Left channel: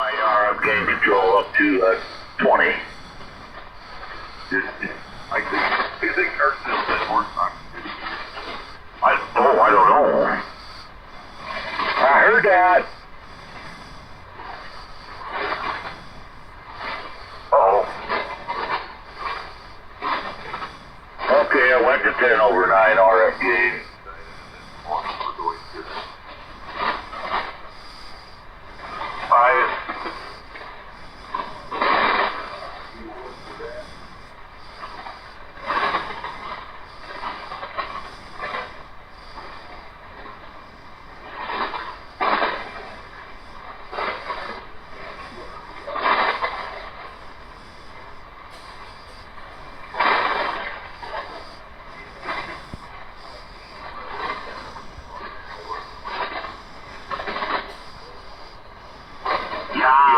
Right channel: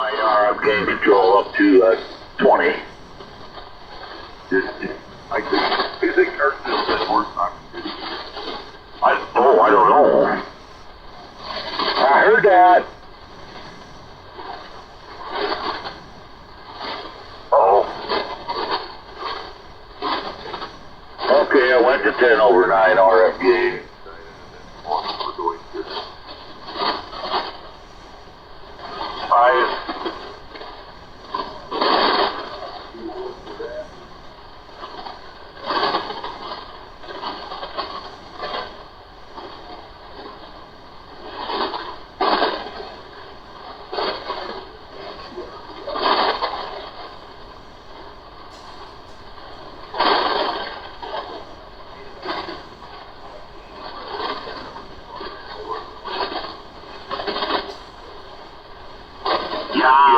IR gain control up to 20. I think I don't know. I heard that. Oh. Okay, I went to 10 over 9 RF gain. Yeah.